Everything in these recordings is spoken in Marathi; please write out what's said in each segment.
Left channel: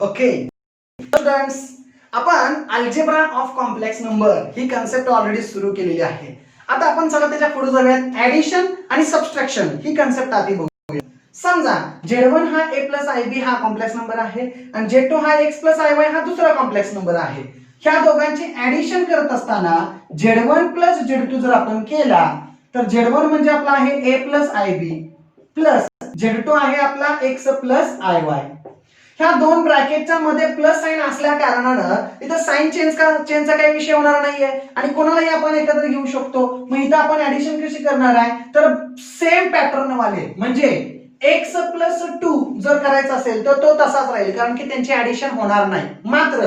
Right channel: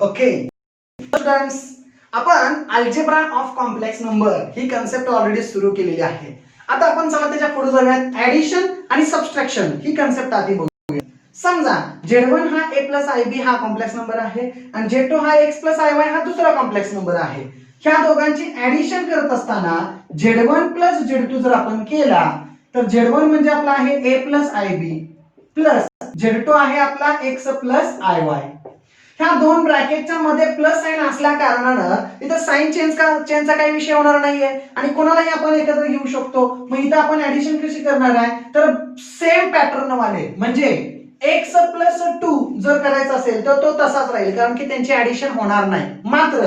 ओके स्टुडंट्स, आपण algebra of complex number he concept already सुरू केलेली आहे. आता आपण चला त्याच्या पुढे जाऊयात. ऍडिशन आणि सबट्रॅक्शन ही कन्सेप्ट आधी बघूया. समजा Z1 हा A प्लस IB हा कॉम्प्लेक्स नंबर आहे आणि Z2 हा X प्लस IY हा दुसरा कॉम्प्लेक्स नंबर आहे. ह्या दोघांची ऍडिशन करत असताना Z1 प्लस Z2 जर आपण केला तर Z1 म्हणजे आपला आहे A plus IB plus Z2 आहे आपला X प्लस IY. ह्या दोन ब्रॅकेटच्या मध्ये प्लस साइन असल्या कारणानं इथं साइन चेंजचा काही विषय होणार नाहीये आणि कोणालाही आपण एकत्र घेऊ शकतो. मग इथं आपण ऍडिशन कशी करणार आहे तर सेम पॅटर्न वाले म्हणजे x प्लस 2 जर करायचं असेल तर तो तसाच राहील कारण की त्यांची ऍडिशन होणार नाही. मात्र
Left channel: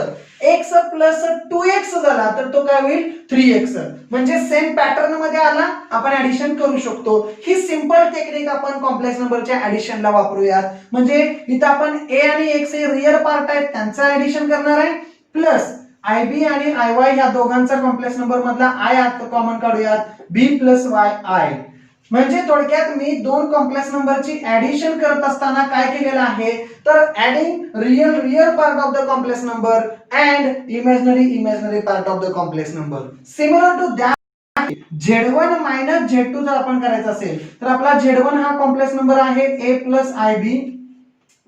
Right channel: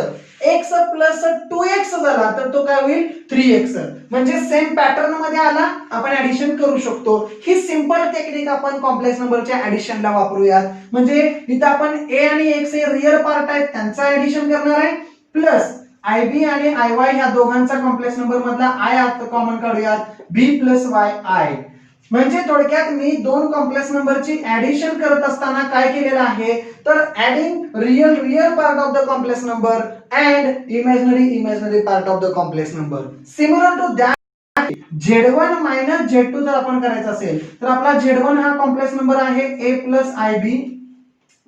x प्लस 2x झाला तर तो काय होईल 3x म्हणजे सेम पॅटर्न मध्ये आला आपण ऍडिशन करू शकतो. ही सिंपल टेक्निक आपण कॉम्प्लेक्स नंबरच्या ऍडिशनला वापरूयात. म्हणजे इथं आपण a आणि x हे रियल पार्ट आहेत त्यांचा ऍडिशन करणार आहे प्लस IB आणि IY ह्या दोघांचा कॉम्प्लेक्स नंबर मधला I आता कॉमन काढूयात B प्लस YI. म्हणजे थोडक्यात मी दोन कॉम्प्लेक्स नंबरची ऍडिशन करत असताना काय केलेलं आहे तर adding real part of the complex number and imaginary part of the complex number. Similar to that Z1 minus Z2 जर आपण करायचं असेल तर आपला Z1 हा कॉम्प्लेक्स नंबर आहे A plus IB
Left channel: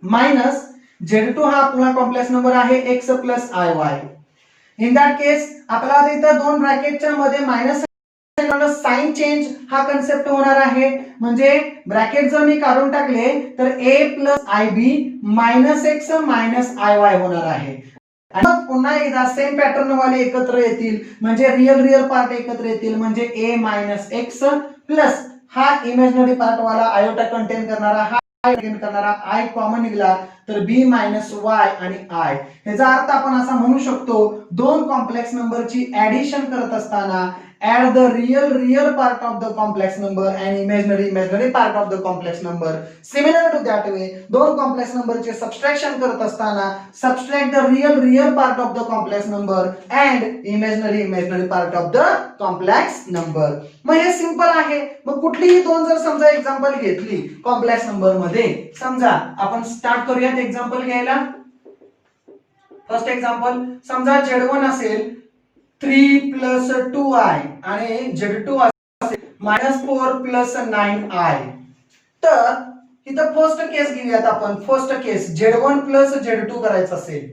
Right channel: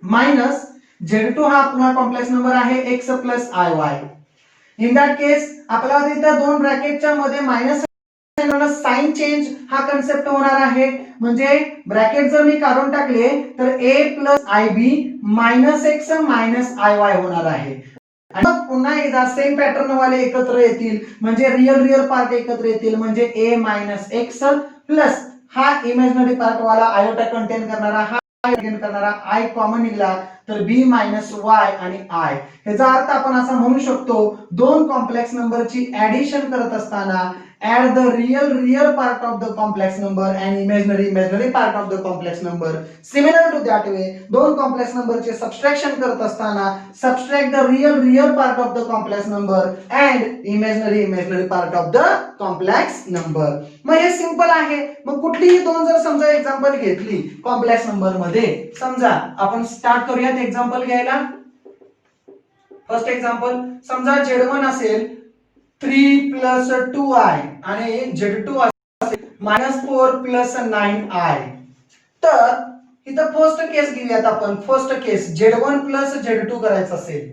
minus Z2 हा आपला कॉम्प्लेक्स नंबर आहे X plus IY. In that case आपल्याला इथं दोन ब्रॅकेटच्या मध्ये मायनस साइन चेंज हा कन्सेप्ट होणार आहे. म्हणजे ब्रॅकेट जर मी काढून टाकले तर A plus IB minus X minus IY होणार आहे. आणि मग पुन्हा एकदा सेम पॅटर्न वाले एकत्र येतील म्हणजे रियल पार्ट एकत्र येतील म्हणजे A मायनस X प्लस हा इमॅजिनरी पार्ट वाला आयोटा कंटेन करणारा हा I कॉमन निघाला तर B मायनस Y आणि I. याचा अर्थ आपण असा म्हणू शकतो दोन कॉम्प्लेक्स नंबरची ऍडिशन करत असताना add the real part of the complex number and imaginary part of the complex number. Similar to that way दोन कॉम्प्लेक्स नंबरचे सबट्रॅक्शन करत असताना subtract the real part of the complex number and imaginary part of the complex number. मग हे सिंपल आहे. मग कुठलीही दोन जर समजा एक्झाम्पल घेतली कॉम्प्लेक्स नंबर मध्ये समजा आपण स्टार्ट करूयात एक्झाम्पल घ्यायला. फर्स्ट एक्झाम्पल समजा Z1 असेल 3 प्लस 2i आणि Z2 असेल मायनस 4 प्लस 9i. तर इथं फर्स्ट केस घेऊयात आपण. फर्स्ट केस Z1 प्लस Z2 करायचं असेल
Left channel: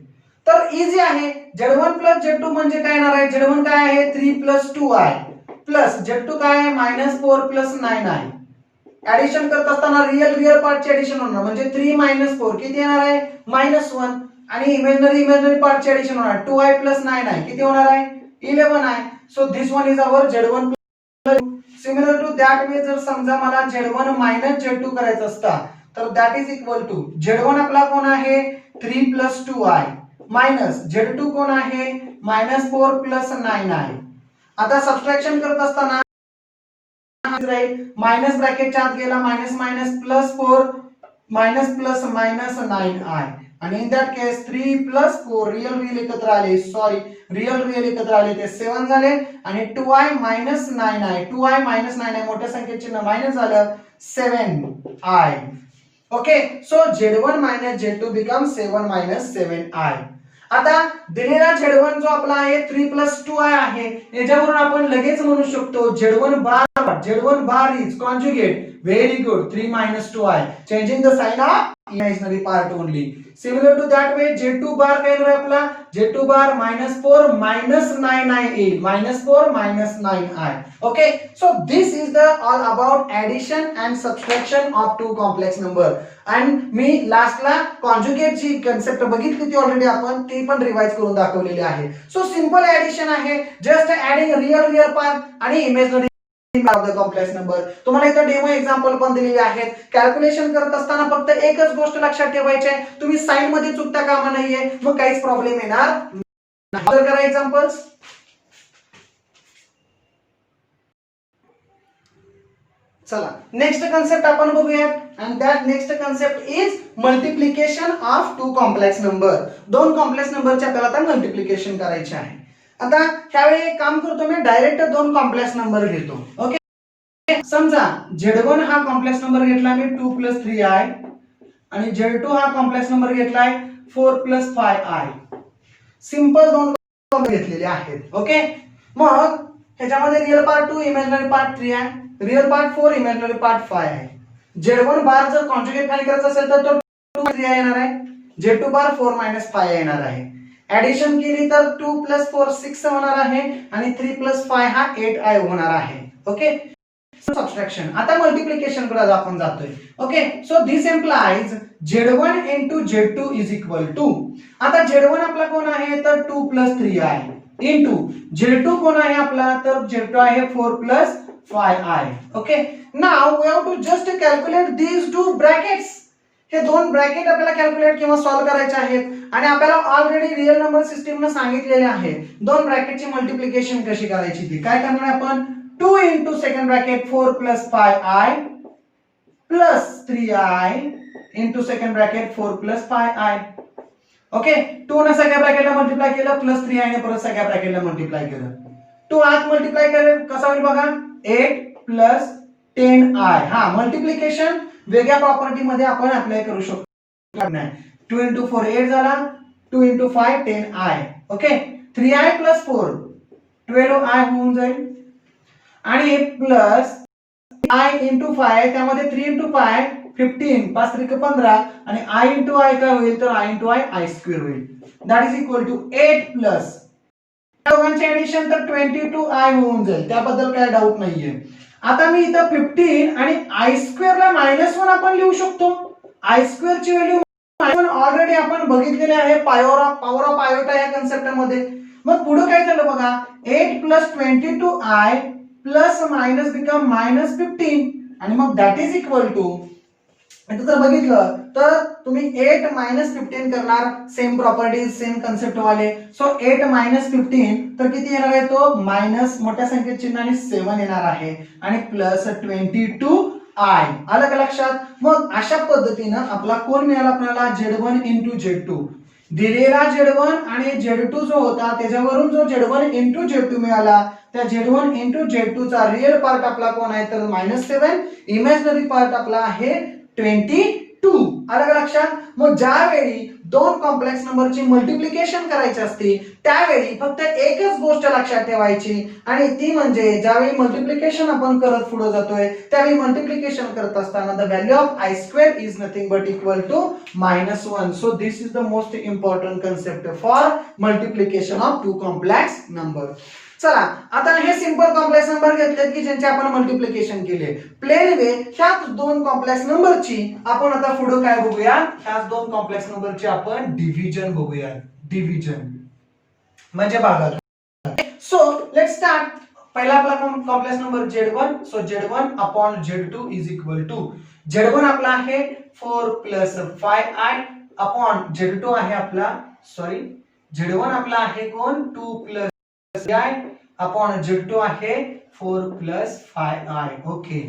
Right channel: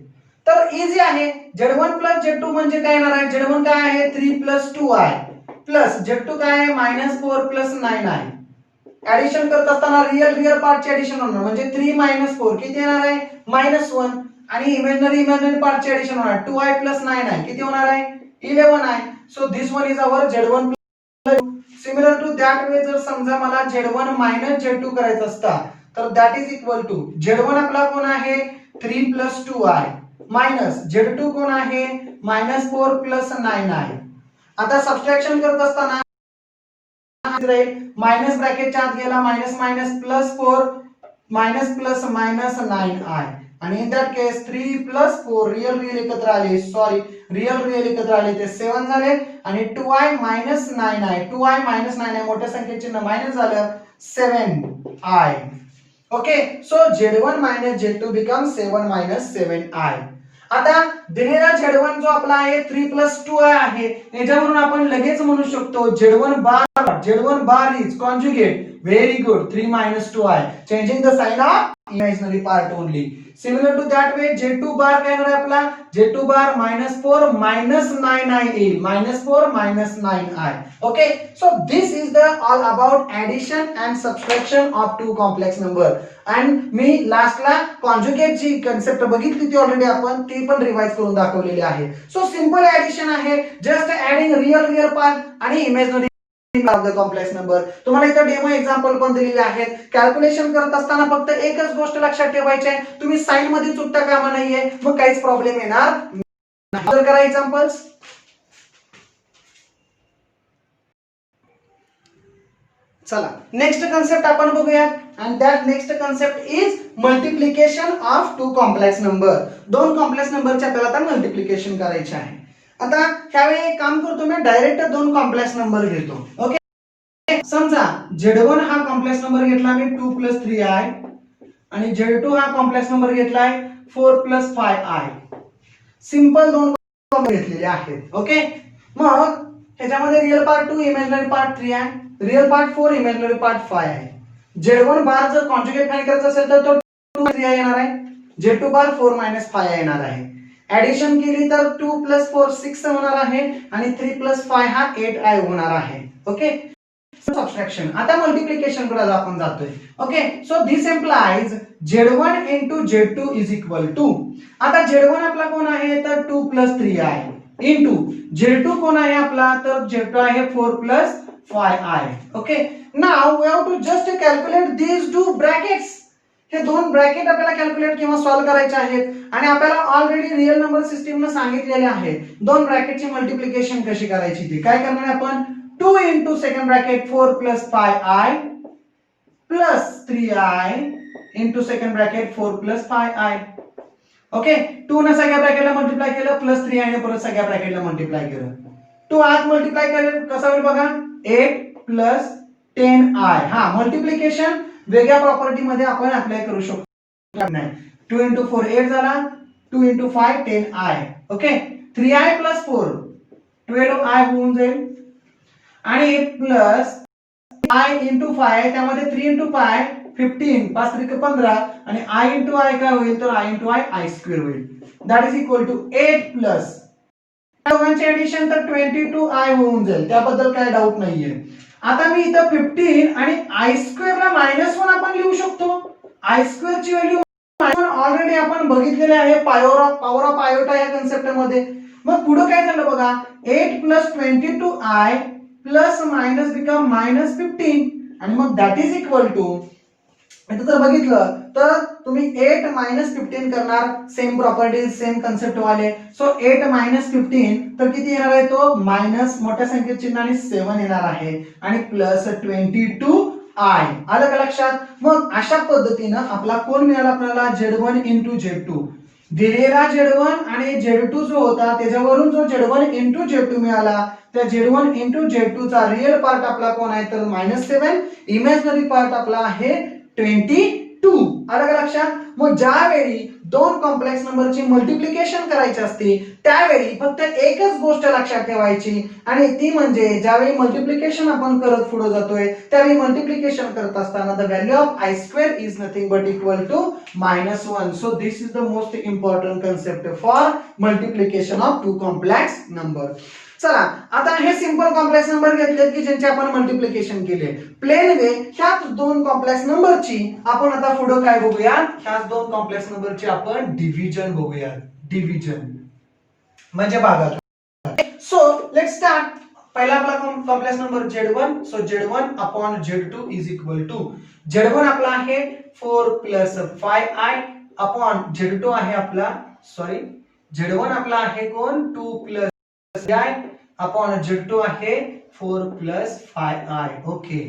तर इझी आहे. Z1 प्लस Z2 म्हणजे काय येणार आहे Z1 काय आहे 3 प्लस 2i प्लस Z2 काय आहे मायनस 4 प्लस 9i. ऍडिशन करत असताना रियल पार्टचे ऍडिशन होणार म्हणजे 3 मायनस 4 किती येणार आहे -1 आणि इमॅजिनरी पार्टचे ऍडिशन होणार 2i प्लस 9i किती होणार आहे 11i. So this one is our Z1 plus. Similar to that way जर समजा मला Z1 मायनस Z2 करायचं असता तर that is equal to Z1 आपला कोण आहे 3 प्लस 2i मायनस Z2 कोण आहे मायनस 4 प्लस 9i. आता सबट्रॅक्शन करत असताना मायनस ब्रॅकेटच्या आत गेला minus minus plus 4 minus plus minus 9i आणि in that case 3 plus 4 real एकत्र आले रियल एकत्र आले ते 7 झाले आणि 2i minus 9i 2i minus 9i मोठ्या संख्येचे चिन्ह मायनस झालं 7i. Okay so Z1 minus Z2 become 7 minus 7i. आता दिलेला Z1 जो आपला आहे 3 प्लस 2i आहे याच्यावरून आपण लगेच म्हणू शकतो Z1 bar is conjugate. Very good 3 minus 2i changing the sign of imaginary part only. Similar to that way Z2 बार काय येणार आपला Z2 बार -4 minus 9i येईल -4 minus 9i. Okay so this is the all about addition and subtraction of two complex number. and मी लास्टला कॉन्जुगेट ची कन्सेप्ट बघितली ती ऑलरेडी आपण ती पण रिवाइज करून दाखवलेली आहे. सो सिंपल ऍडिशन आहे जस्ट ऍडिंग रियल पार्ट आणि imaginary of the complex number. तुम्हाला इथं डेमो एक्झाम्पल पण दिलेले आहेत. कॅल्क्युलेशन करत असताना फक्त एकच गोष्ट लक्षात ठेवायची आहे तुम्ही साइन मध्ये चुकता कामा नाहीये मग काहीच प्रॉब्लेम येणार नाही. तर करा एक्झाम्पल्स. चला नेक्स्ट कन्सेप्ट आपण बघूयात and that next concept is multiplication of two complex number. दोन कॉम्प्लेक्स नंबरचे आपल्याला आता मल्टिप्लिकेशन करायचे आहे. आता ह्यावेळी एक काम करतो मी डायरेक्ट दोन कॉम्प्लेक्स नंबर घेतो. ओके समजा Z1 हा कॉम्प्लेक्स नंबर घेतला मी 2 प्लस 3i आणि Z2 हा कॉम्प्लेक्स नंबर घेतलाय 4 प्लस 5i. सिंपल दोन घेतलेले आहेत. ओके, मग ह्याच्यामध्ये रिअल पार्ट 2, इमॅजिनरी पार्ट 3 आहे, रिअल पार्ट 4, इमॅजिनरी पार्ट 5 आहे. Z1 बार जर कॉन्जुगेट फाइंड करायचा असेल तर तो 2 3 येणार आहे, Z2 बार 4 - 5 येणार आहे. ऍडिशन केली तर 2 + 4 6 होणार आहे आणि 3 + 5 हा 8i होणार आहे. Okay, subtraction. आता मल्टिप्लिकेशन कडे आपण जातोय. ओके, सो दिस इम्प्लाइज Z1 * Z2 = आता Z1 आपला कोण आहे तर 2 + 3i इंटू Z2 कोण आहे आपला तर Z2 आहे 4 + 5i. Okay, now we have to just calculate these two brackets. हे दोन ब्रॅकेट आपल्याला कॅल्क्युलेट किंवा सॉल्व्ह करायचे आहेत आणि आपल्याला ऑलरेडी रिअल नंबर सिस्टीम ने सांगितलेले आहे दोन ब्रॅकेटची मल्टिप्लिकेशन कशी करायची ती. काय करणार आपण 2 into second bracket 4 + 5i plus 3i into second bracket 4 + 5i. Okay, 2 ने सगळ्या ब्रॅकेटला मल्टिप्लाय केलं प्लस 3i ने परत सगळ्या ब्रॅकेटला मल्टिप्लाय केलं. 2 आत मल्टिप्लाय केलं कसं होईल बघा 8 + 10i. हा, मल्टिप्लिकेशन वेगळ्या प्रॉपर्टी मध्ये आपण अप्लाय करू शकतो. 2 * 4 8 झाला, 2 * 5 10i. ओके, 3i + 4 12i होऊन जाईल आणि प्लस i * 5 त्यामध्ये 3 * 5 15 5 × 15 आणि i * i काय होईल तर i * i i² होईल. That is equal to 8 plus दोघांचे एडिशन तर 22i होऊन जाईल. त्याबद्दल काय डाऊट नाहीये. आता मी इथं 15 आणि i² ला -1 आपण लिहू शकतो. i² ची व्हॅल्यू ऑलरेडी आपण बघितलेले आहे पॉवर ऑफ आयोटा या कन्सेप्ट मध्ये. मग पुढे काय झालं बघा 8 + 22i प्लस मायनस बिकम -15 आणि मग दॅट इज इक्वल टू इथं जर बघितलं तर तुम्ही 8 - 15 करणार, सेम प्रॉपर्टीज सेम कन्सेप्ट वाले. सो 8 - 15 तर किती येणार आहे तो मायनस मोठ्या संख्येच्या चिन्हाने 7 येणार आहे आणि प्लस 22i. आलं का लक्षात. मग अशा पद्धतीनं आपला कोण मिळाला आपल्याला Z1 * Z2. दिलेला Z1 आणि Z2 जो होता त्याच्यावरून जो Z1 * Z2 मिळाला त्या Z1 * Z2 चा रिअल पार्ट आपला कोण आहे तर -7, इमॅजिनरी पार्ट आपला आहे 22. आलं का लक्षात. मग ज्यावेळी दोन कॉम्प्लेक्स नंबरची मल्टिप्लिकेशन करायची असते त्यावेळी फक्त एकच गोष्ट लक्षात ठेवायची आणि ती म्हणजे ज्यावेळी मल्टिप्लिकेशन आपण करत पुढे जातोय त्यावेळी मल्टिप्लिकेशन करत असताना the value of i² is nothing but equal to -1. So this is the most important concept for multiplication of two complex number. चला, आता हे सिंपल कॉम्प्लेक्स नंबर घेतलेत की ज्यांचे आपण मल्टिप्लिकेशन केले. प्लेन वे ह्याच दोन कॉम्प्लेक्स नंबरची आपण आता पुढे काय बघूया ह्याच दोन कॉम्प्लेक्स नंबरची आपण डिव्हिजन बघूया. डिव्हिजन म्हणजे भागाकार. So let's start. पहिला आपला कॉम्प्लेक्स नंबर Z1. सो Z1 / Z2 is equal to Z1 आपला आहे 4 + 5i अपॉन Z2 आहे आपला Z1 आपला आहे कोण 2 + i upon Z2 आहे 4 + 5i. Okay,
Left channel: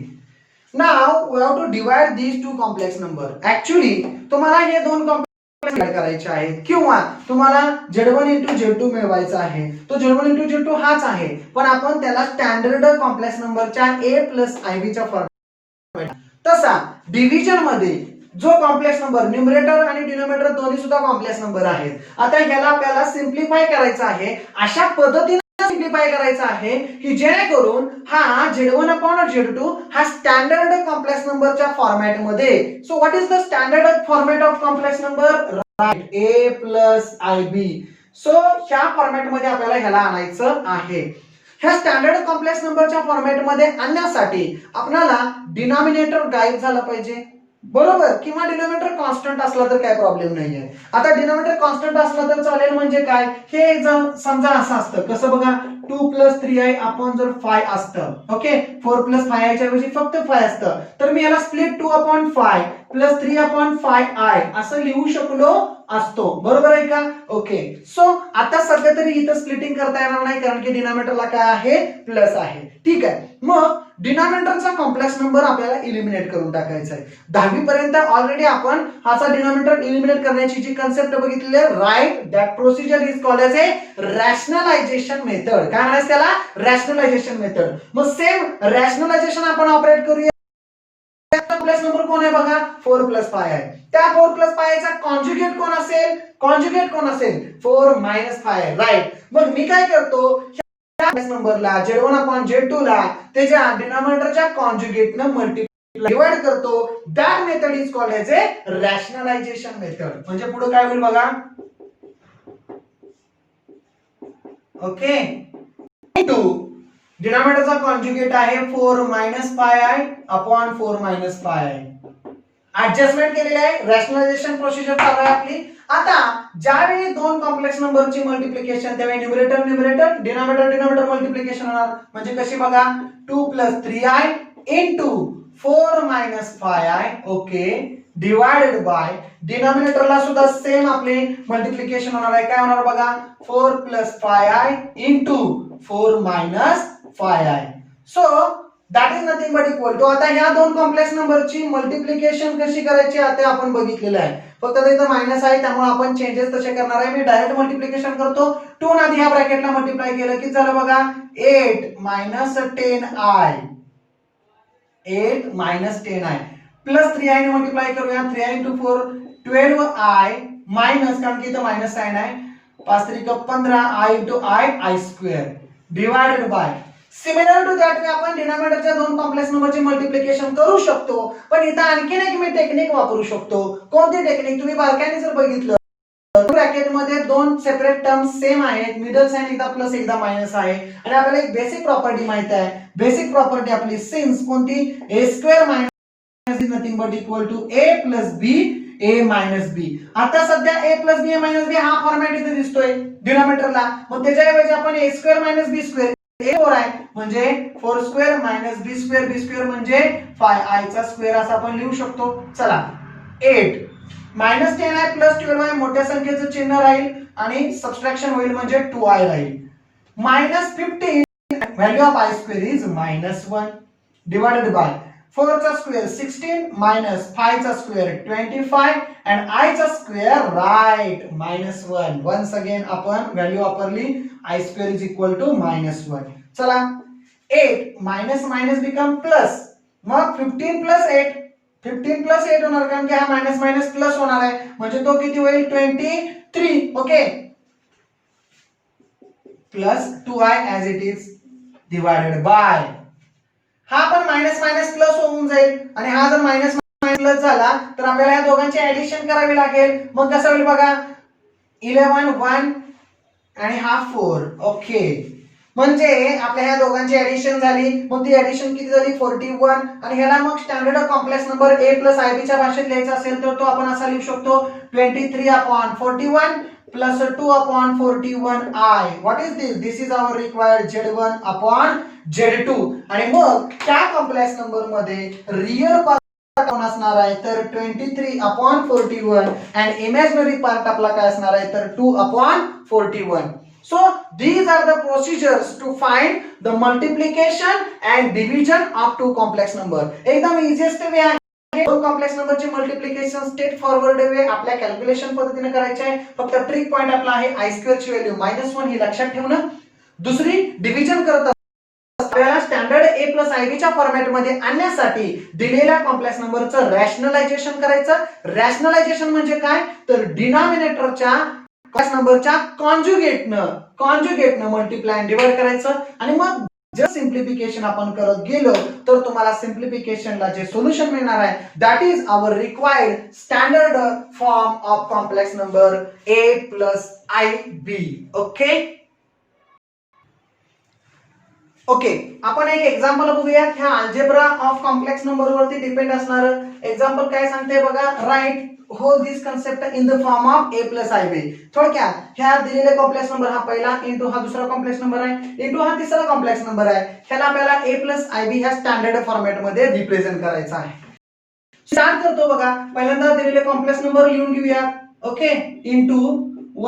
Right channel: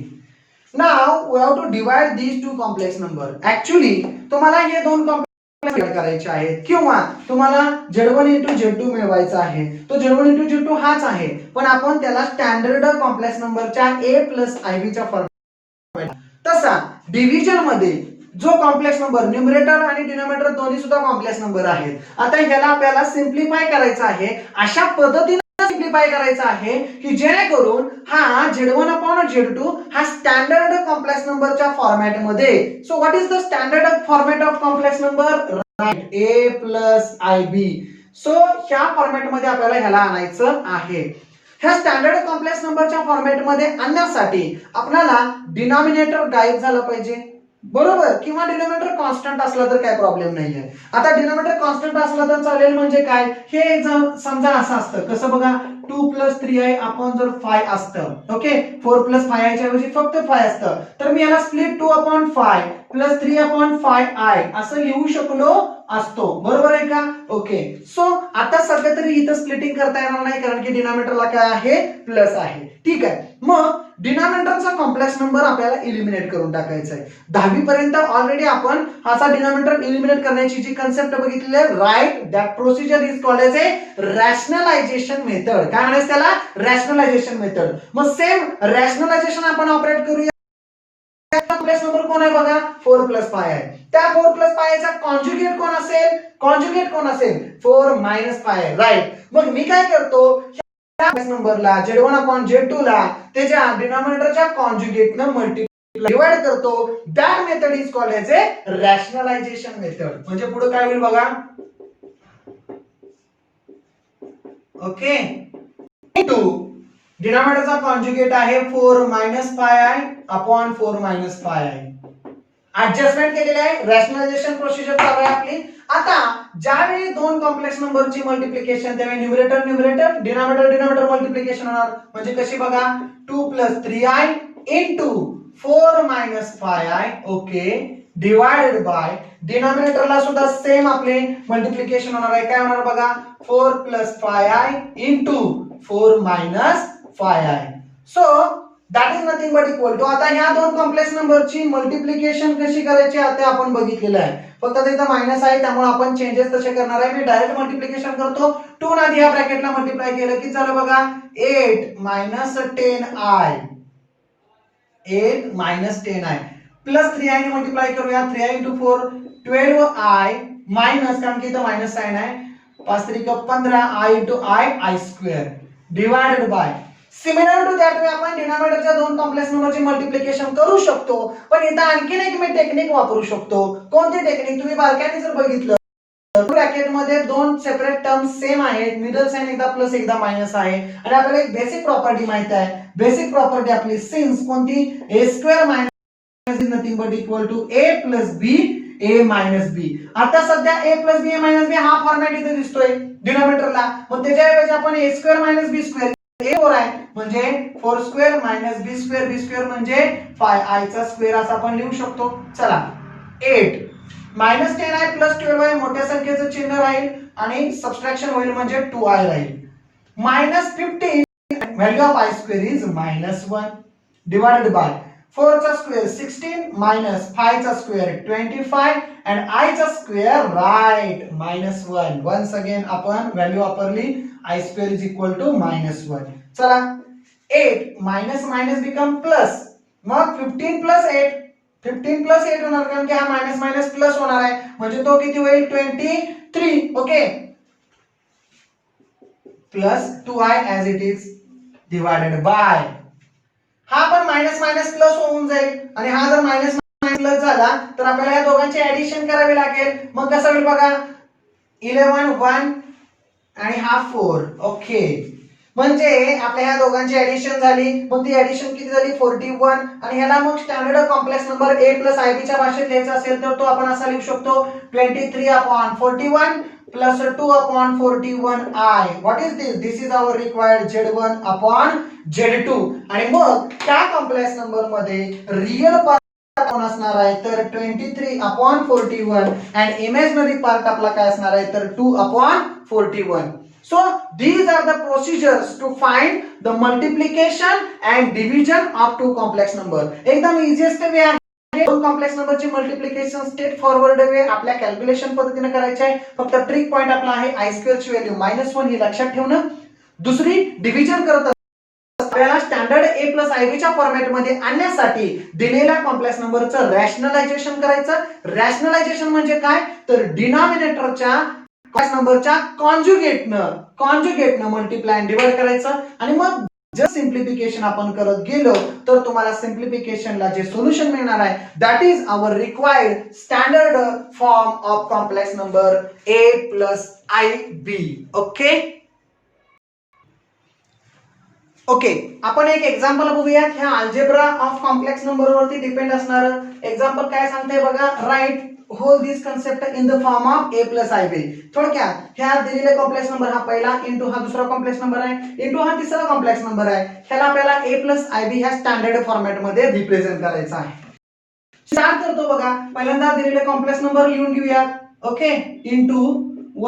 now we have to divide these two complex number. Actually तुम्हाला हे दोन कॉम्प्लेक्स डिवाइड करायचे आहेत किंवा तुम्हाला Z1 * Z2 मिळवायचा आहे. तो Z1 * Z2 हाच आहे पण आपण त्याला स्टँडर्ड कॉम्प्लेक्स नंबरच्या a + ib च्या फॉर्मॅट. तसा डिव्हिजन मध्ये जो कॉम्प्लेक्स नंबर न्यूमरेटर आणि डिनोमिनेटर दोन्ही सुद्धा कॉम्प्लेक्स नंबर आहेत. आता ह्याला आपल्याला सिम्प्लिफाय करायचं आहे. अशा पद्धतीने सिम्प्लिफाय करायचं आहे की जेणेकरून हा Z1 / Z2 हा स्टँडर्ड कॉम्प्लेक्स नंबरच्या फॉर्मॅट मध्ये. So what is the standard format of complex number right a + ib. So ह्या फॉर्मॅट मध्ये आपल्याला ह्याला आणायचं आहे. ह्या स्टँडर्ड कॉम्प्लेक्स नंबरच्या फॉर्मॅट मध्ये आणण्यासाठी आपल्याला डिनॉमिनेटर गायब झाला पाहिजे बरोबर किंवा डिनॉमिनेटर कॉन्स्टंट असला तर काय प्रॉब्लेम नाहीये. आता डिनॉमिनेटर कॉन्स्टंट असला तर चालेल म्हणजे काय हे समजा असं असतं कसं बघा 2 + 3i अपॉन जर 5 असतं. ओके, 4 + 5i च्या ऐवजी फक्त 5 असतं तर मी याला स्प्लिट 2/5 + 3/5i असं लिहू शकलो असतो. बरोबर आहे का. ओके, सो आता सध्या तरी इथं स्प्लिटिंग करता येणार नाही कारण की डिनॉमिनेटरला काय आहे प्लस आहे. ठीक आहे, मग डिनॉमिनेटरचा कॉम्प्लेक्स नंबर आपल्याला इलिमिनेट करून टाकायचा आहे. 10वी पर्यंत ऑलरेडी आपण हाचा डिनॉमिनेटर इलिमिनेट करण्याची जी कन्सेप्ट बघितलेली आहे right. That procedure is called as a rationalisation method. काय म्हणायचं त्याला रॅशनलायझेशन मेथड. मग सेम रॅशनलायझेशन आपण ऑपरेट करूया. कॉम्प्लेक्स नंबर कोण आहे बघा 4 प्लस पाय आहे. त्या 4 प्लस पायचा कॉन्जुगेट कोण असेल? कॉन्जुगेट कोण असेल? 4 मायनस पाय. राईट. मग मी काय करतो, नंबरला Z1 अपॉन Z2 ला त्याच्या डिनॉमिनेटरच्या कॉन्जुगेटनं मल्टिप्लाय डिवाइड करतो. That method is called as a rationalisation method. म्हणजे पुढे काय होईल बघा, ओके, इनटू डिनॉमिनेटरचा कॉन्जुगेट आहे 4 मायनस पाय आहे अपॉन 4 मायनस पाय आहे. ऍडजस्टमेंट केलेलं आहे, रॅशनलायझेशन प्रोसिजर चालू आहे आपली. आता ज्यावेळी दोन कॉम्प्लेक्स नंबरची मल्टिप्लिकेशन त्यावेळी numerator numerator denominator denominator multiplication होणार. म्हणजे कशी बघा, 2 + 3i into 4 - 5i, okay, divided by डिनॉमिनेटरला सुद्धा सेम आपले मल्टिप्लिकेशन होणार आहे. काय होणार बघा, 4 + 5i into 4 - 5i. So that is nothing but equal to. आता ह्या दोन कॉम्प्लेक्स नंबरची मल्टिप्लिकेशन कशी करायची आता आपण बघितलेलं आहे. फक्त इथं मायनस आहे त्यामुळे आपण चेंजेस तसे करणार आहे. मी डायरेक्ट मल्टिप्लिकेशन करतो. 2 न आधी ह्या ब्रॅकेटला मल्टिप्लाय केलं की झालं बघा 8 - 10i, 8 - 10i प्लस 3i ने मल्टिप्लाय करूया. 3i × 4 12i मायनस, कारण की इथं मायनस साइन आहे, 5 × 3 = 15i × i i² divided by. Similar to that way आपण डिनॉमिनेटरच्या दोन कॉम्प्लेक्स नंबरचे मल्टिप्लिकेशन करू शकतो. पण इथं आणखीन एक मी टेक्निक वापरू शकतो. कोणती टेक्निक? तुम्ही बारकाईने जर बघितलं ब्रॅकेट मध्ये दोन सेपरेट टर्म्स सेम आहेत, मिडल साइन एकदा प्लस एकदा मायनस आहे, आणि आपल्याला एक बेसिक प्रॉपर्टी माहित आहे. बेसिक प्रॉपर्टी आपली सिन्स कोणती? a² - is nothing but equal to a + b a - b. आता सध्या a + b a - b हा फॉर्मॅट इथे दिसतोय डिनॉमिनेटरला. मग त्याच्याऐवजी आपण a² - b² a4 आहे म्हणजे 4² - b², b² म्हणजे 5i² असं आपण लिहू शकतो. चला, 8 - 10i + 12i मोठ्या संख्येचं चिन्ह राहील आणि सबट्रॅक्शन होईल म्हणजे 2i राहील. -15 value of i² is -1 divided by 4² 16 minus 5² 25 and i² right -1. once again आपण व्हॅल्यू वापरली, i² is equal to -1. चला, 8 मायनस मायनस बिकम प्लस. मग 15 + 8 15 + 8 होणार, कारण की हा मायनस मायनस प्लस होणार आहे म्हणजे तो किती होईल 23. Okay, plus 2i as it is divided by. हा पण मायनस मायनस प्लस होऊन जाईल आणि हा जर मायनस मायनस प्लस झाला तर आपल्याला या दोघांची ऍडिशन करावी लागेल. मग कसं होईल बघा, 11 1 आणि हा 4. ओके, म्हणजे आपल्या ह्या दोघांची ऍडिशन झाली. मग ती ऍडिशन किती झाली 41. आणि ह्याला मग standard complex number a + ib च्या भाषेत लिहायचा असेल तर तो आपण असा लिहू शकतो 23/41 plus 2/41i. what is this? This is our required Z1/Z2. आणि मग त्या कॉम्प्लेक्स नंबर मध्ये रियल पार्ट कोण असणार आहे तर 23/41 and इमॅजिनरी पार्ट आपला काय असणार आहे तर 2/41. so these are the procedures to find the multiplication and division of two complex number. एकदम इझिएस्ट वे आहे. दोन कॉम्प्लेक्स नंबरची मल्टिप्लिकेशन स्ट्रेट फॉरवर्ड वे आपल्या कॅल्क्युलेशन पद्धतीने करायचे आहे. फक्त ट्रिक पॉइंट आपला आहे i² ची व्हॅल्यू -1 ही लक्षात ठेवणं. दुसरी, डिव्हिजन करत आपल्याला स्टँडर्ड a + ib च्या फॉर्मॅट मध्ये आणण्यासाठी दिलेल्या कॉम्प्लेक्स नंबरचं रॅशनलायझेशन करायचं. रॅशनलायझेशन म्हणजे काय तर डिनॉमिनेटरच्या कॉम्प्लेक्स नंबरच्या कॉन्जुगेटनं मल्टिप्लाय डिवाइड करायचं. आणि मग जर सिंप्लिफिकेशन आपण करत गेलो तर तुम्हाला सिंप्लिफिकेशनला जे सोल्युशन मिळणार आहे that is our required standard form of complex number a + ib. Okay okay, आपण एक एक्झाम्पल बघूया. ह्या अल्जेब्रा ऑफ कॉम्प्लेक्स नंबर वरती डिपेंड असणार एक्झाम्पल काय सांगते बघा. Write whole this concept in the form of a + ib. थोडक्यात ह्या दिलेले कॉम्प्लेक्स नंबर हा पहिला इंटू हा दुसरा कॉम्प्लेक्स नंबर आहे इंटू हा तिसरा कॉम्प्लेक्स नंबर आहे. ह्याला आपल्याला a + ib ह्या स्टँडर्ड फॉर्मॅट मध्ये रिप्रेझेंट करायचा आहे. स्टार्ट करतो बघा. पहिल्यांदा दिलेले कॉम्प्लेक्स नंबर लिहून घेऊया. Okay, into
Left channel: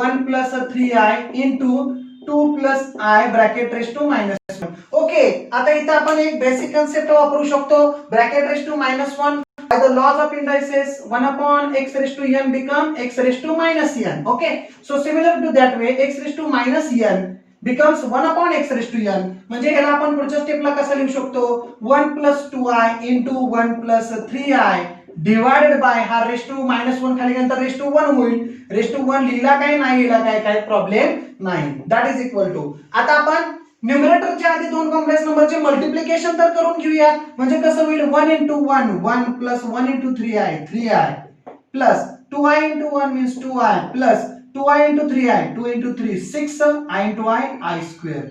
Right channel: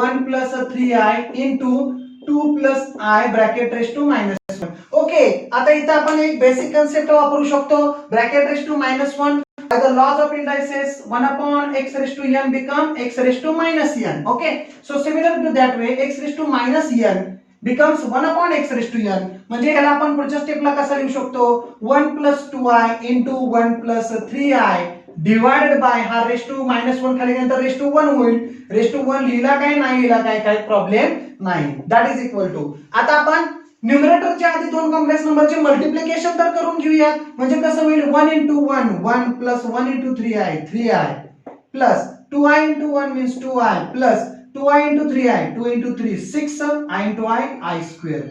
1 + 3i into 2 + i bracket raise to -1. Okay, आता इथं आपण एक बेसिक कन्सेप्ट वापरू शकतो. Bracket raise to -1 by the laws of indices 1/x⁻n become x⁻n. okay, so similar to that way x⁻n becomes 1/x⁻n. म्हणजे ह्याला आपण पुढच्या स्टेपला कसं लिहू शकतो 1 + 2i into 1 + 3i divided by हा रेस टू -1 खाली नंतर रेस टू 1 होईल. रेस टू 1 लिहिला काय नाही लिहिला काय काही प्रॉब्लेम नाही. दॅट इज इक्वल टू आता आपण न्यूमरेटरच्या आधी दोन कॉम्प्लेक्स नंबरचे मल्टिप्लिकेशन तर करून घेऊया. म्हणजे कसं होईल 1 into 1 1 plus 1 into 3i 3i plus 2i into 1 means 2i plus 2i into 3i 2 into 3 6i into i square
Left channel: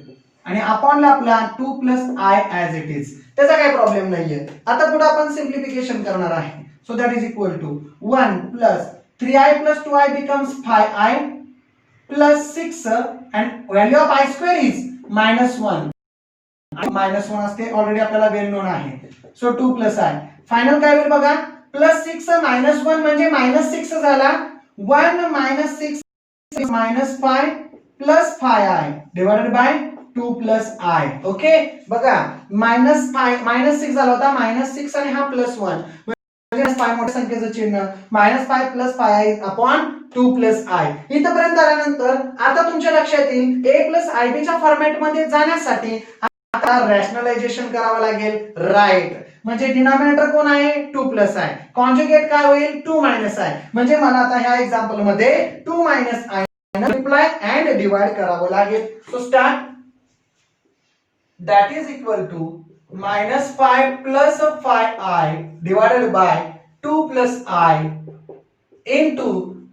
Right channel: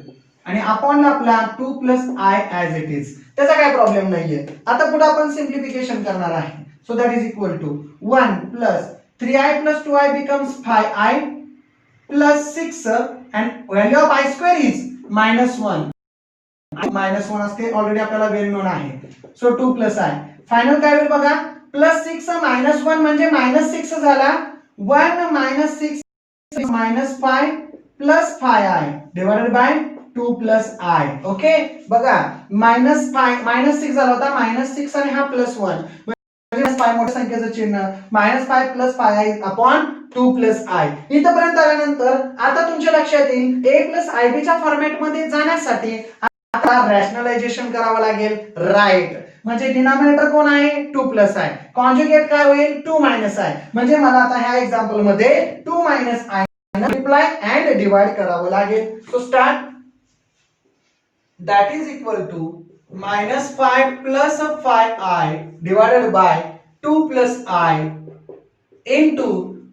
आणि अपॉन ला आपला 2 plus i as it is. त्याचा काही प्रॉब्लेम नाहीये. आता पुढे आपण सिंप्लिफिकेशन करणार आहे. So that is equal to 1 plus 3i plus 2i becomes 5i plus 6 and value of i square is -1. -1 असते ऑलरेडी आपल्याला वेल नोन आहे. सो 2 plus i फायनल काय होईल बघा +6 -1 म्हणजे -6 झाला. 1 - 6 -5 plus 5i divided by 2 plus i. Okay बघा -6 झाला होता -6 आणि हा +1 म्हणजे 5 मोठ्या संख्येचं चिन्ह -5 plus 5i upon 2 plus i. इथपर्यंत आल्यानंतर आता तुमच्या लक्षात येईल a plus ib च्या फॉर्मॅट मध्ये जाण्यासाठी आता रॅशनलायझेशन करावं लागेल. राईट म्हणजे डिनॉमिनेटर कोण आहे 2 plus i. कॉन्जुगेट काय होईल 2 minus i. म्हणजे मला आता ह्या एक्झाम्पल मध्ये 2 minus i multiply and divide करावं लागेल. So start that is equal to -5 plus 5i divided by 2 plus i into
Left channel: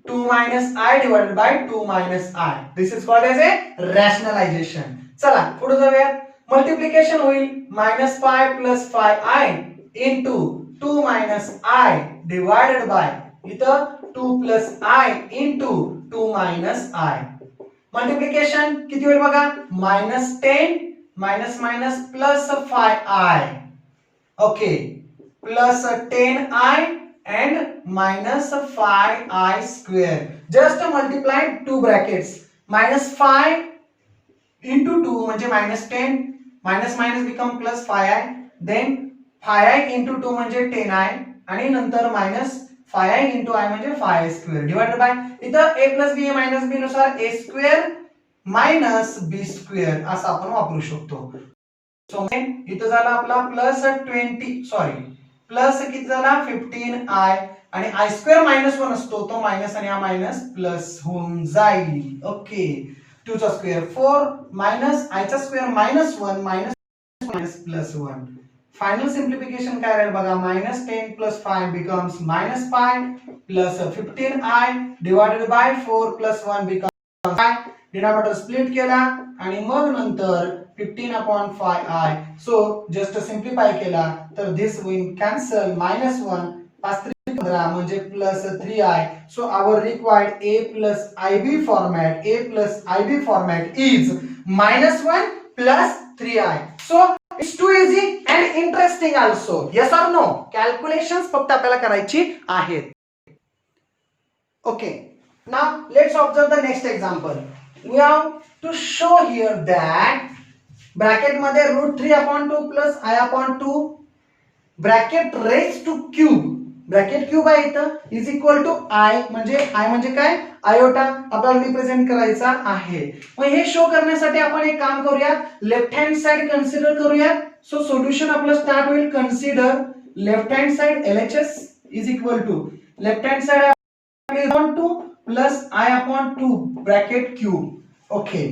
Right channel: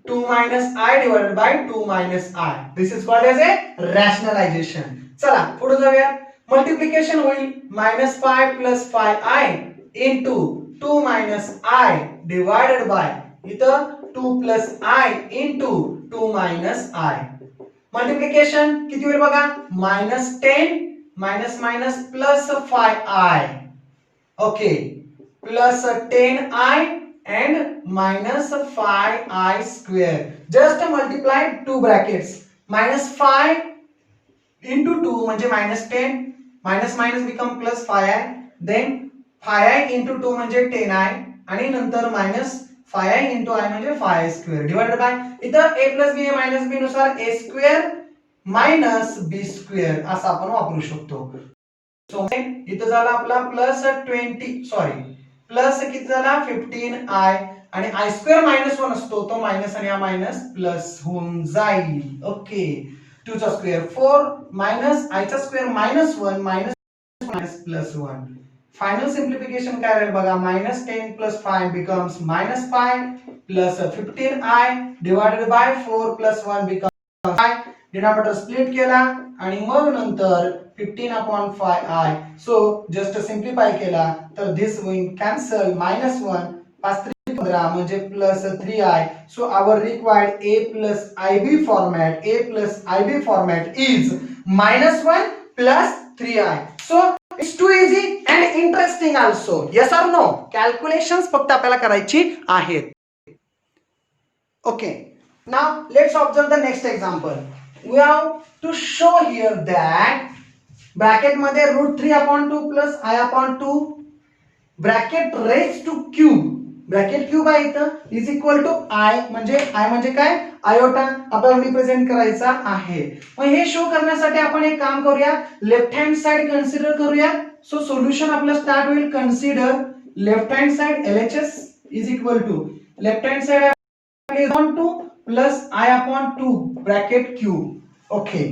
2 minus i divided by 2 minus i. This is called as a rationalization. चला पुढे जाऊया. मल्टिप्लिकेशन होईल -5 plus 5i into 2 minus i divided by इथं 2 plus i into 2 minus i. Multiplication किती होईल बघा -10 minus plus 5i. Okay plus 10i and minus 5i square. Just multiply two brackets. -5 into 2 म्हणजे -10 minus become plus 5i then 5i into 2 म्हणजे 10i आणि नंतर -5i into i म्हणजे 5i square divided by इथं a plus b minus b नुसार a square minus b square असं आपण वापरू शकतो. सो इथं झाला आपला प्लस किती झाला 15i आणि i square -1 असतो तो मायनस आणि हा मायनस प्लस होऊन जाईल. ओके 2 चा स्क्वेअर 4 मायनस i चा स्क्वेअर -1 मायनस प्लस 1. फायनल सिंप्लिफिकेशन काय राहील बघा -10 plus 5 becomes -5 plus 15i divided by 4 plus 1 becomes 5. Denominator split केला आणि मग नंतर 15 upon 5i. सो जस्ट सिंप्लिफाय केला तर दिस विल कॅन्सल -1 5 3 15 म्हणजे +3i. So our required a plus ib format is -1 plus 3i. So it's too easy and interesting also. Yes or no? Calculations फक्त आपल्याला करायची आहेत. Okay. Now let's observe the next example. We have to show here that bracket मध्ये √3/2 plus i upon 2 bracket raised to cube bracket cube आहे इथं इज इक्वल टू i म्हणजे काय आयोटा आपल्याला रिप्रेझेंट करायचा आहे. मग हे शो करण्यासाठी आपण एक काम करूया लेफ्ट हँड साइड कन्सिडर करूया. सो सोल्युशन आपलं स्टार्ट होईल consider left hand side LHS is equal to left hand side upon 2 plus i upon 2 bracket cube. Okay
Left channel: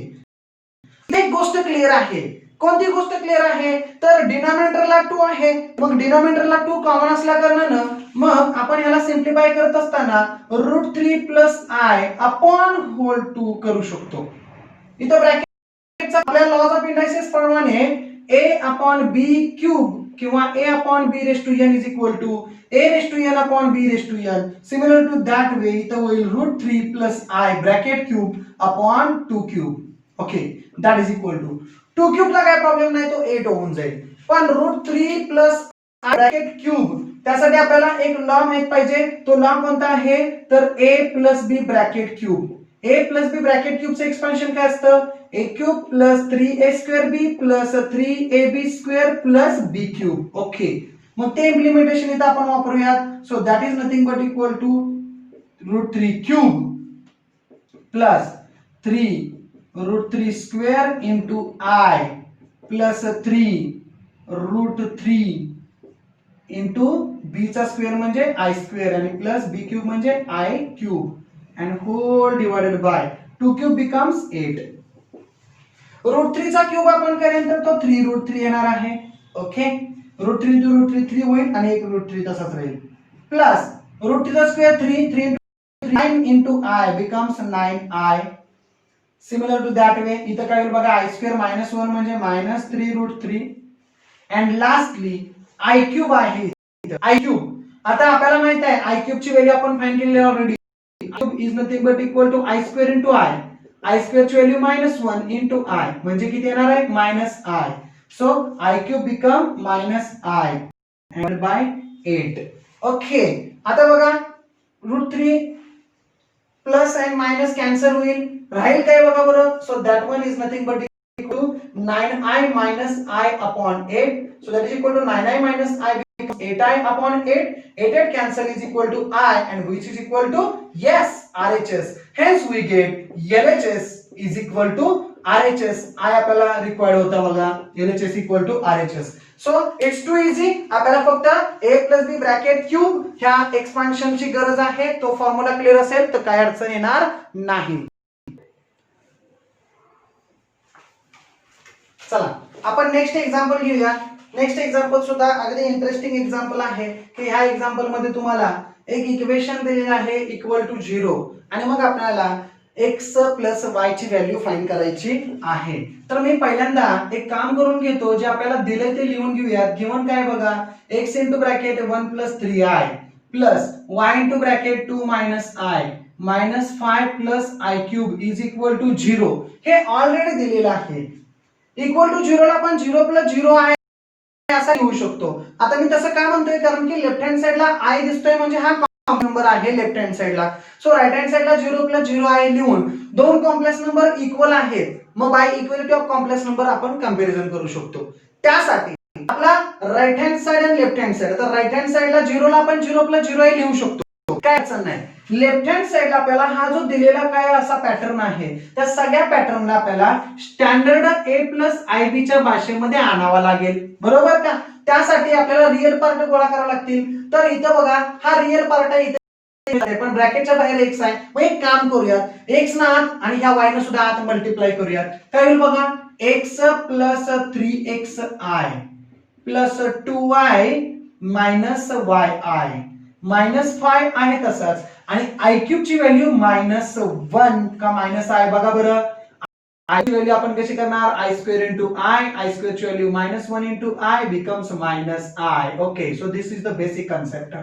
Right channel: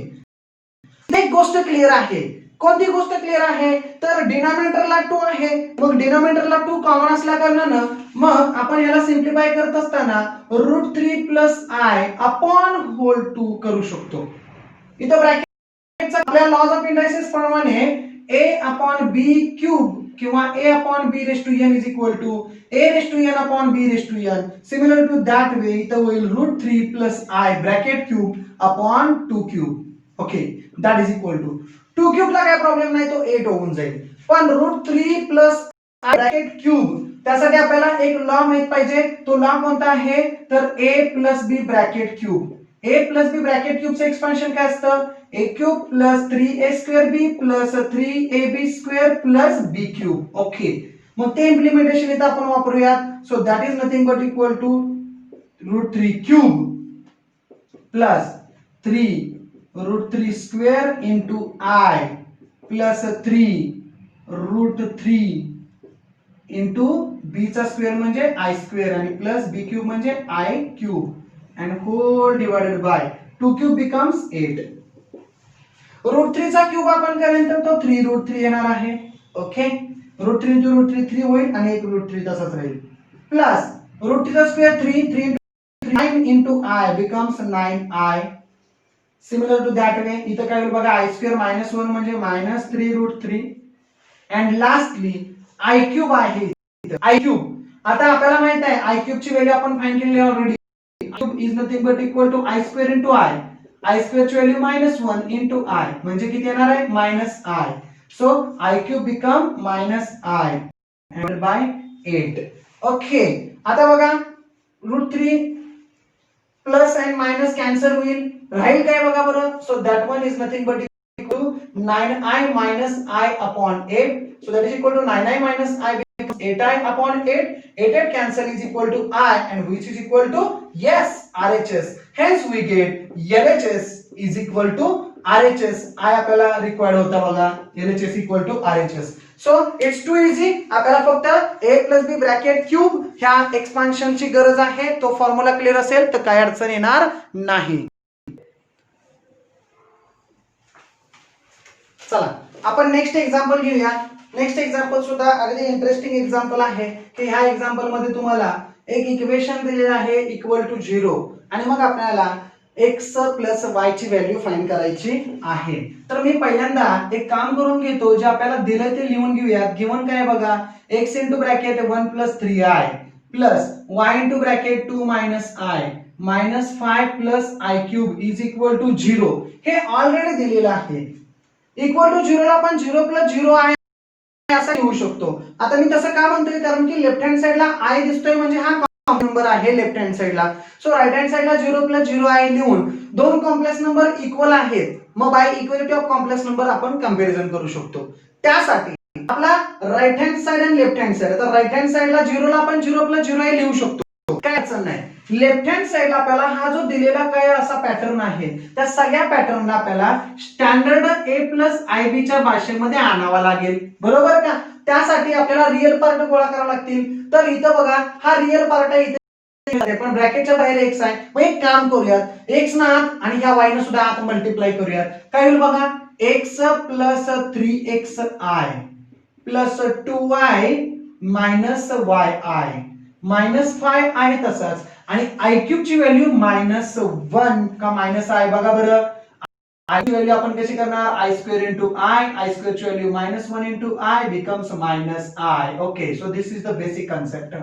एक गोष्ट क्लिअर आहे. कोणती गोष्ट क्लिअर आहे तर डिनॉमिनेटरला 2 आहे मग डिनॉमिनेटरला 2 कॉमन असल्या कारणाने मग आपण याला सिंप्लिफाय करत असताना √3 प्लस i अपॉन होल 2 करू शकतो. इथं ब्रॅकेटचा आपल्या लॉज ऑफ इंडायसेस प्रमाणे a अपॉन b क्यूब किंवा a upon b raise to n is equal to a raise to n upon b raise to n. Similar to that way इथं होईल √3 plus i bracket cube upon 2 cube. Okay that is equal to 2 cube ला काय प्रॉब्लेम नाही तो 8 होऊन जाईल पण √3 प्लस i ब्रॅकेट क्यूब त्यासाठी आपल्याला एक लॉ माहित पाहिजे. तो लॉ कोणता आहे तर a plus b bracket cube. a plus b bracket क्यूबचं एक्सपान्शन काय असतं a cube plus 3a square b plus 3ab square plus b cube. Okay मग ते इम्प्लिमेंटेशन इथं आपण वापरूयात. So that is nothing but equal to √3 cube plus 3 square into i plus 3 √3 into b चा स्क्वेअर म्हणजे i स्क्वेअर आणि प्लस b क्यूब म्हणजे i cube and whole divided by 2 cube becomes 8. √3 चा क्यूब आपण करेन तर तो 3√3 येणार आहे. ओके, √3 to √3 होईल आणि एक √3 तसाच राहील. प्लस √3 चा square 3 9 into I becomes 9i. Similar to that way इथं काय होईल बघा, i स्क्वेअर मायनस 1 म्हणजे minus 3√3 and lastly i cube आहे इथं i क्यूब. आता आपल्याला माहित आहे i क्यूब ची व्हॅल्यू आपण फाइंड केलेली already. cube is nothing but equal to I square into I square ची व्हॅल्यू -1 into I म्हणजे किती येणार आहे -I. So I cube become -I and by 8. Okay, आता बघा √3 प्लस अँड मायनस कॅन्सल होईल, राहील काय बघा बरं. So that one is nothing but equal to 9i minus I upon 8. So that is equal to 9i minus I becomes 8i upon 8. 8 cancel is equal to I and which is equal to yes RHS. Hence we get LHS is equal to RHS. I आपल्याला रिक्वायर्ड होता बघा, LHS equal to RHS. So it's too easy. आपल्याला फक्त a plus b bracket cube ह्या एक्सपान्शन ची गरज आहे. तो फॉर्म्युला क्लियर असेल तर काय अडचण येणार नाही. चला आपण नेक्स्ट एक्झाम्पल घेऊया. नेक्स्ट एक्झाम्पल सुद्धा अगदी इंटरेस्टिंग एक्झाम्पल आहे की ह्या एक्झाम्पल मध्ये तुम्हाला एक इक्वेशन दिलेलं आहे इक्वल टू 0 आणि मग आपल्याला x प्लस y ची व्हॅल्यू फाइंड करायची आहे. तर मी पहिल्यांदा एक काम करून घेतो, जे आपल्याला दिलंय ते लिहून घेऊयात. गिवन काय बघा, x into bracket 1 plus 3i plus y into bracket 2 minus i minus 5 plus i cube is equal to 0. हे ऑलरेडी दिलेलं आहे. इक्वल टू 0 ला आपण 0 plus 0 आहे असं लिहू शकतो. आता मी तसं का म्हणतोय, कारण की लेफ्ट हँड साइडला i दिसतोय म्हणजे हा कॉम्प्लेक्स नंबर आहे लेफ्ट हँड साइडला. सो राइट हँड साइडला 0 plus 0 आहे लिहून दोन कॉम्प्लेक्स नंबर इक्वल आहेत, मग bye equality of complex number आपण कंपॅरिझन करू शकतो. त्यासाठी आपला राइट हँड साइड आणि लेफ्ट हँड साइड, तर राइट हँड साइडला 0 ला आपण 0 plus 0 लिहू शकतो, काय अडचण नाही. लेफ्ट हँड साइडला आपल्याला हा जो दिलेला काय असा पॅटर्न आहे, त्या सगळ्या पॅटर्नला आपल्याला स्टँडर्ड a प्लस आयबी च्या भाषेमध्ये आणावा लागेल, बरोबर का. त्यासाठी आपल्याला रिअल पार्ट गोळा करावे लागतील. तर इथं बघा हा रिअल पार्ट आहे इथे, पण ब्रॅकेटच्या बाहेर x आहे. मग एक काम करूयात, x ना आत आणि ह्या y ने सुद्धा आत मल्टिप्लाय करूयात. काय होईल बघा, x plus 3xi plus 2y minus yi minus 5 आहे तसाच आणि i क्यूब ची व्हॅल्यू -1 का -i बघा बरं. i ची व्हॅल्यू आपण कशी करणार, i square into i square ची value -1 into i becomes -i. Okay, so this is the basic concept.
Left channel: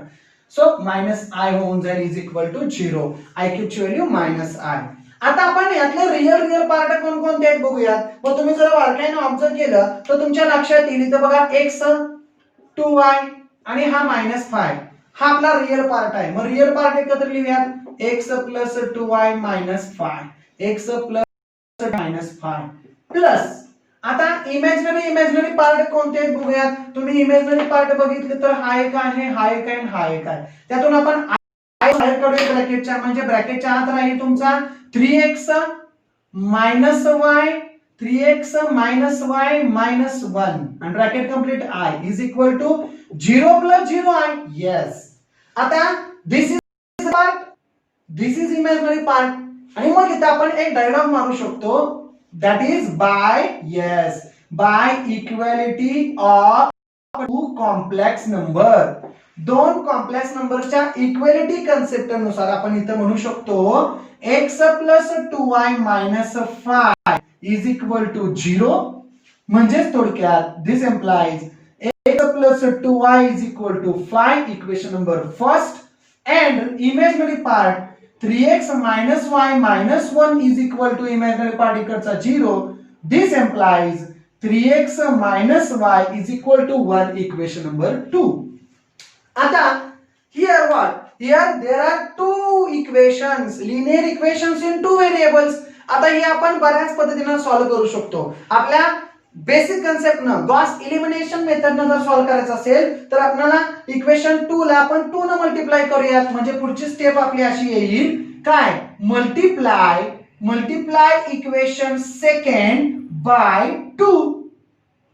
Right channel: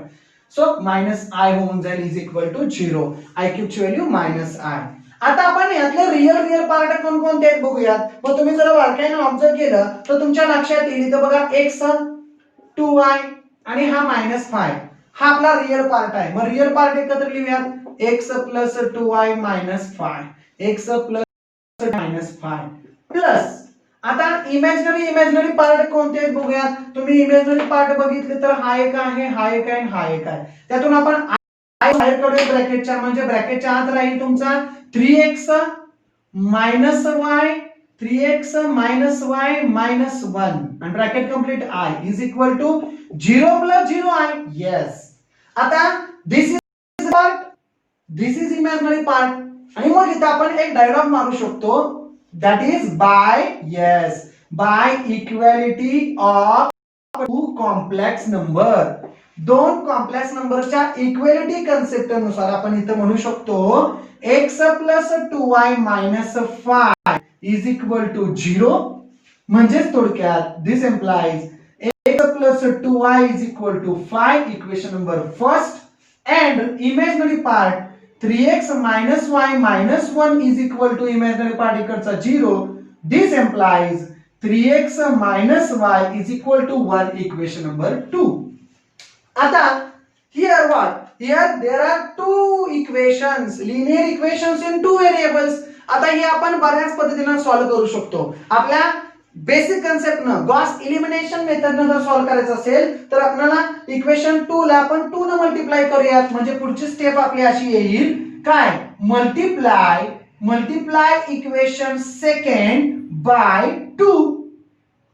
So -i होऊन जाईल is equal to 0, i cube ची व्हॅल्यू -i. आता आपण यातले रिअल पार्ट कोणकोणते आहेत बघूयात. मग तुम्ही जर बारकाईने ऑब्झर्व केलं तर तुमच्या लक्षात येईल, इथं बघा x 2y आणि हा -5 हा आपला रिअल पार्ट आहे. मग रिअल पार्ट एकत्र लिहूयात, x plus 2y minus 5 x plus -5 plus आता इमॅजिनरी पार्ट कोणते आहेत बघूयात. तुम्ही इमॅजिनरी पार्ट बघितले तर हा एक आहे, हा एक आहे, हा एक आहे. त्यातून आपण बाहेर काढूया ब्रॅकेटच्या, म्हणजे ब्रॅकेटच्या आत राहील तुमचा 3x minus y 3x minus y minus 1 and bracket complete I is equal to 0 plus 0i. Yes. आता this is part, this is imaginary part. आणि मग इथे आपण एक डायलॉग मारू शकतो, that is by equality of two complex number. दोन कॉम्प्लेक्स नंबरच्या इक्वॅलिटी कन्सेप्ट नुसार आपण इथे म्हणू शकतो x plus 2y minus 5 is equal to 0. म्हणजेच थोडक्यात this implies x plus 2y is equal to 5, equation number first, and imaginary part 3x minus y minus 1 is equal to imaginary part इकडचा 0. This implies 3x minus y is equal to 1, equation number 2. आता here what? Here there are two equations, linear equations in two variables. आता हे आपण बऱ्याच पद्धतीने सॉल्व्ह करू शकतो. आपल्या बेसिक कन्सेप्ट न गॉस एलिमिनेशन मेथड न जर सॉल्व्ह करायचं असेल तर आपल्याला इक्वेशन 2 ला आपण 2 न मल्टिप्लाय करूयात. म्हणजे पुढची स्टेप आपली अशी येईल, काय, multiply equation second by 2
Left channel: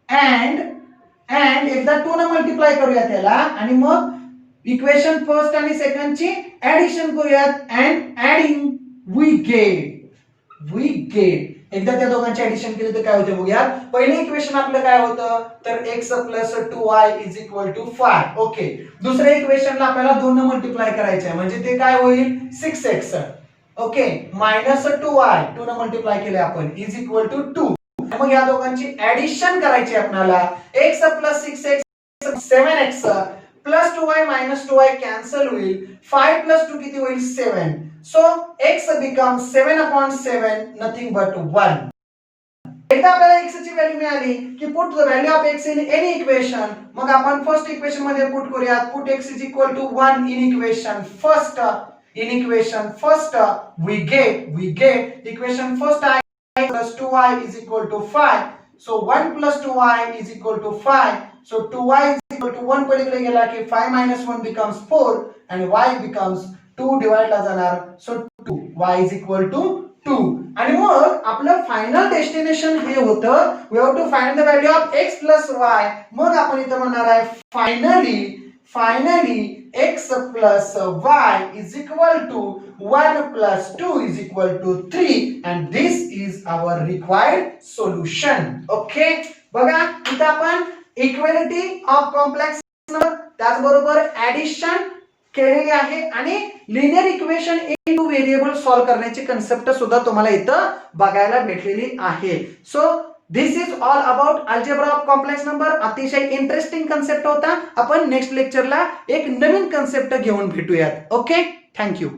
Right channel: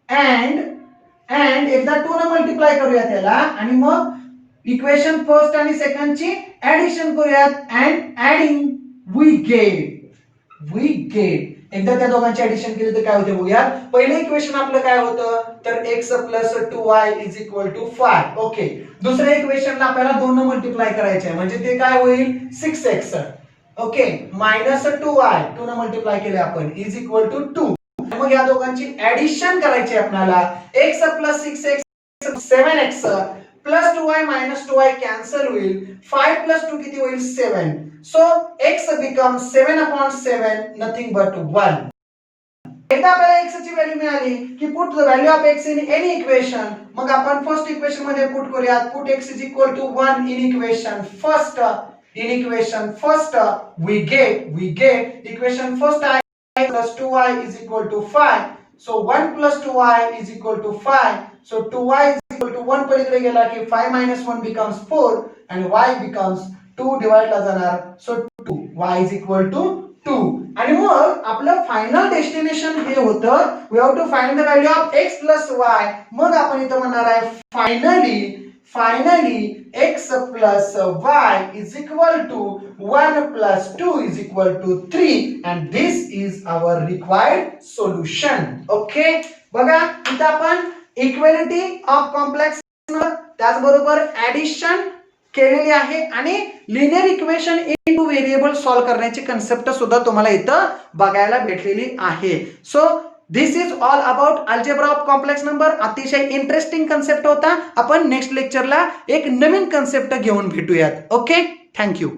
and एकदा 2 न मल्टिप्लाय करूया त्याला आणि मग इक्वेशन फर्स्ट आणि सेकंडची ऍडिशन करूयात अँड ऍडिंग वी गेट एकदा त्या दोघांची ऍडिशन केली तर काय होते बघूया. पहिलं इक्वेशन आपलं काय होतं तर x plus 2y is equal to 5. Okay. दुसऱ्या इक्वेशनला आपल्याला 2 ने मल्टिप्लाय करायचे आहे म्हणजे ते काय होईल 6x. ओके मायनस 2y 2 ने मल्टिप्लाय केले आपण इज इक्वल टू 2. मग या दोघांची ऍडिशन करायची आपल्याला x plus 6x 7x plus 2y minus 2y cancel होईल. 5 प्लस 2 किती होईल 7. So x becomes 7 upon 7 nothing but 1. एकदा आपल्याला x ची व्हॅल्यू मिळाली की put the value of x in any equation. मग आपण फर्स्ट इक्वेशन मध्ये पुट करूयात. Put x is equal to 1 in equation first. In equation first we get equation first I plus 2y is equal to 5. So 1 plus 2y is equal to 5. So 2y is equal to 1 पलीकडे गेला की 5 minus 1 becomes 4 and y becomes 2 divide ला जाणार. So 2 y is equal to 2. आणि मग आपलं फायनल डेस्टिनेशन हे होतं we have to find the value of x plus y. मग आपण इथं म्हणणार आहे finally x plus y is equal to 1 plus 2 is equal to 3 and this is our required solution. Okay बघा इथं आपण इक्वालिटी ऑफ कॉम्प्लेक्स त्याचबरोबर ऍडिशन केलेली आहे आणि linear equation into variable solve करण्याची कन्सेप्ट सुद्धा तुम्हाला इथं बघायला भेटलेली आहे. So this is all about algebra of complex number. अतिशय इंटरेस्टिंग कन्सेप्ट होता. आपण नेक्स्ट लेक्चरला एक नवीन कन्सेप्ट घेऊन भेटूयात. Okay thank you.